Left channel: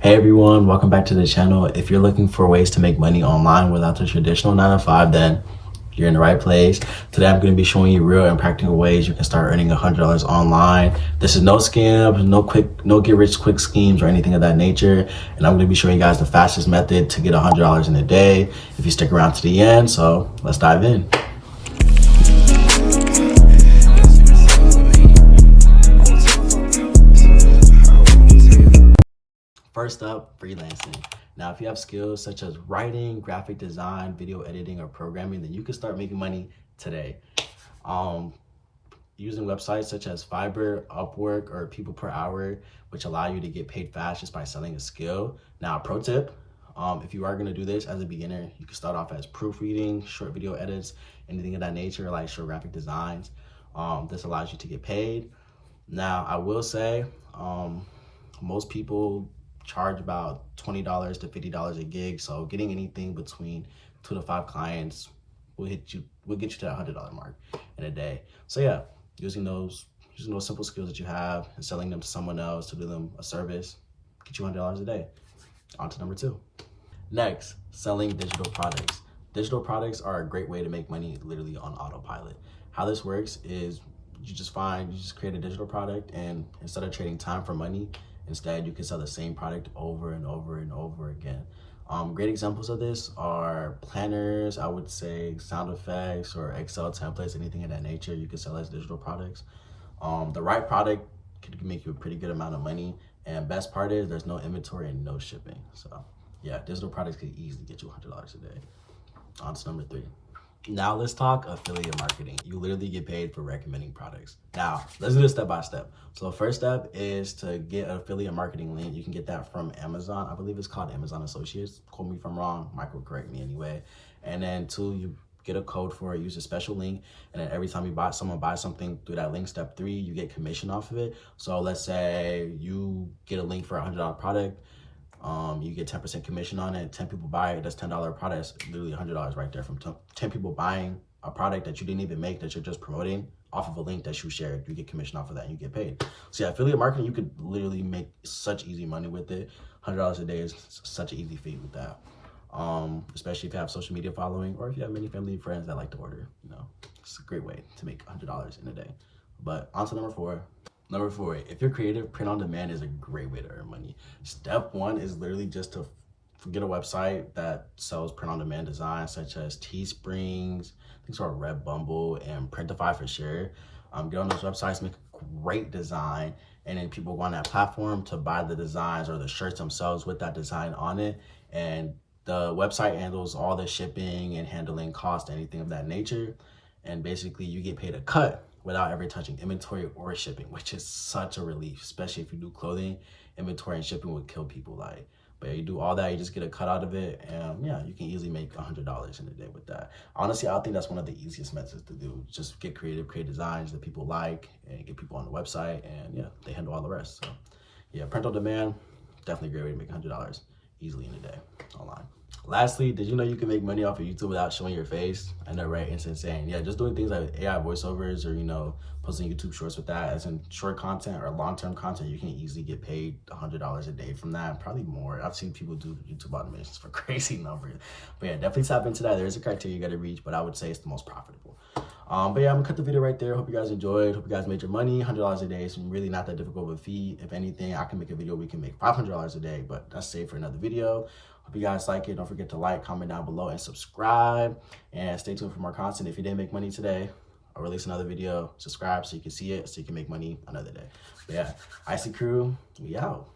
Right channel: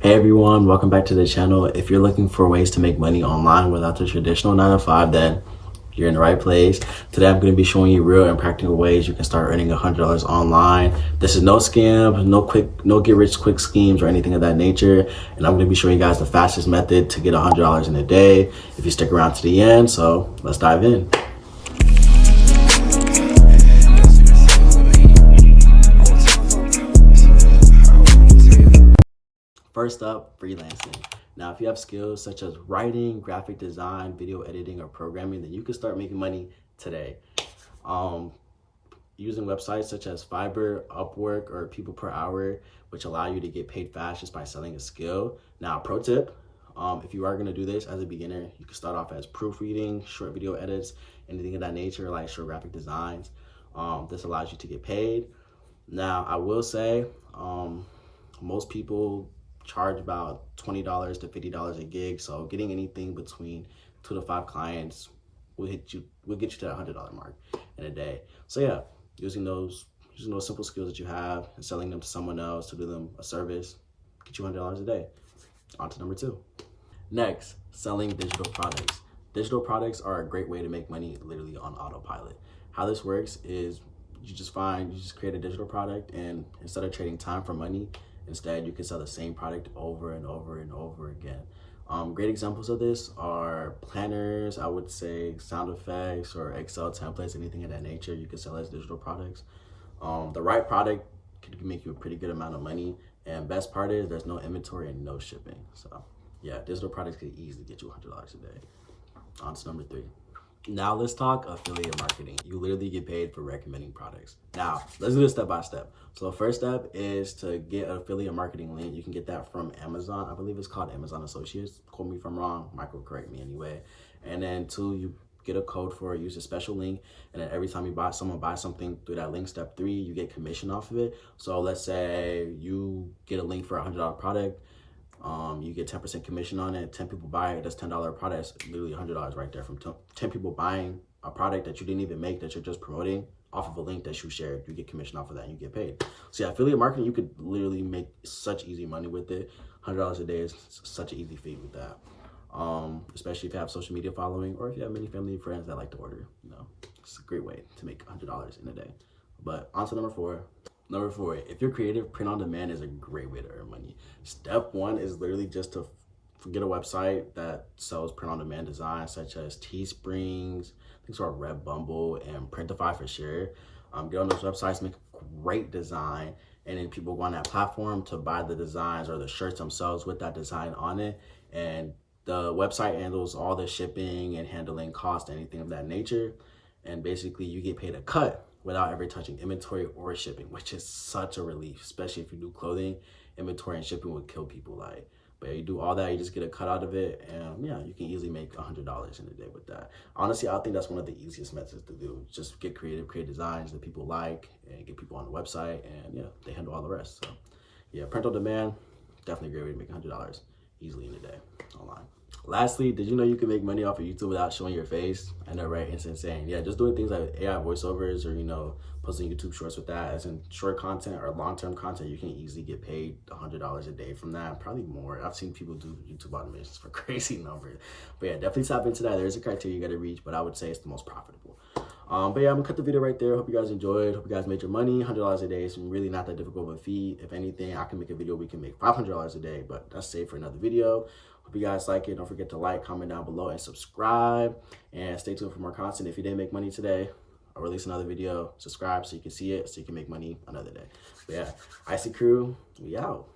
Hey everyone, welcome back to the channel. If you're looking for ways to make money online without the traditional 9 to 5, then you're in the right place. Today I'm going to be showing you real and practical ways you can start earning $100 online. This is no scams, no get rich quick schemes or anything of that nature. And I'm going to be showing you guys the fastest method to get $100 in a day if you stick around to the end. So let's dive in. First up, freelancing. Now, if you have skills such as writing, graphic design, video editing, or programming, then you can start making money today. Using websites such as Fiverr, Upwork, or People Per Hour, which allow you to get paid fast just by selling a skill. Now, pro tip, if you are gonna do this as a beginner, you can start off as proofreading, short video edits, anything of that nature, like short graphic designs. This allows you to get paid. Now, I will say, most people charge about $20 to $50 a gig. So getting anything between 2 to 5 clients will get you to that $100 mark in a day. So yeah, using those simple skills that you have and selling them to someone else to do them a service, get you $100 a day. On to number 2. Next, selling digital products. Digital products are a great way to make money literally on autopilot. How this works is you just create a digital product, and instead of trading time for money, instead, you can sell the same product over and over and over again. Great examples of this are planners, I would say sound effects or Excel templates, anything of that nature you can sell as digital products. The right product could make you a pretty good amount of money. And best part is there's no inventory and no shipping. So yeah, digital products could easily get you $100 a day. On to number 3. Now let's talk affiliate marketing. You literally get paid for recommending products. Now let's do this step by step. So the first step is to get an affiliate marketing link. You can get that from Amazon. I believe it's called Amazon Associates. Quote me if I'm wrong. Michael, correct me anyway. And then 2, you get a code for it, use a special link. And then every time someone buys something through that link, step 3, you get commission off of it. So let's say you get a link for a $100 product. You get 10% commission on it. 10 people buy it, that's $10 product. That's literally $100 right there from 10 people buying a product that you didn't even make, that you're just promoting off of a link that you shared. You get commission off of that and you get paid. So yeah, affiliate marketing, you could literally make such easy money with it. $100 a day is such an easy feat with that. Especially if you have social media following, or if you have many family and friends that like to order, it's a great way to make $100 in a day. But on to number 4. Number 4, if you're creative, print on demand is a great way to earn money. Step 1 is literally just to get a website that sells print on demand designs such as Teesprings, things like Redbubble and Printify for sure. Get on those websites, make a great design, and then people go on that platform to buy the designs or the shirts themselves with that design on it. And the website handles all the shipping and handling cost, anything of that nature. And basically you get paid a cut without ever touching inventory or shipping, which is such a relief, especially if you do clothing. Inventory and shipping would kill people. But yeah, you do all that, you just get a cut out of it, and yeah, you can easily make $100 in a day with that. Honestly, I think that's one of the easiest methods to do. Just get creative, create designs that people like, and get people on the website, and yeah, they handle all the rest. So yeah, print on demand, definitely a great way to make $100 easily in a day online. Lastly, did you know you can make money off of YouTube without showing your face? I know, right? It's insane. Yeah, just doing things like AI voiceovers or, posting YouTube shorts with that, as in short content or long-term content, you can easily get paid $100 a day from that, probably more. I've seen people do YouTube automations for crazy numbers. But yeah, definitely tap into that. There's a criteria you got to reach, but I would say it's the most profitable. But yeah, I'm gonna cut the video right there. Hope you guys enjoyed. Hope you guys made your money. $100 a day is really not that difficult of a feat. If anything, I can make a video, we can make $500 a day, but that's saved for another video. Hope you guys like it. Don't forget to like, comment down below, and subscribe. And stay tuned for more content. If you didn't make money today, I'll release another video. Subscribe so you can see it, so you can make money another day. But yeah, Icy Crew, we out.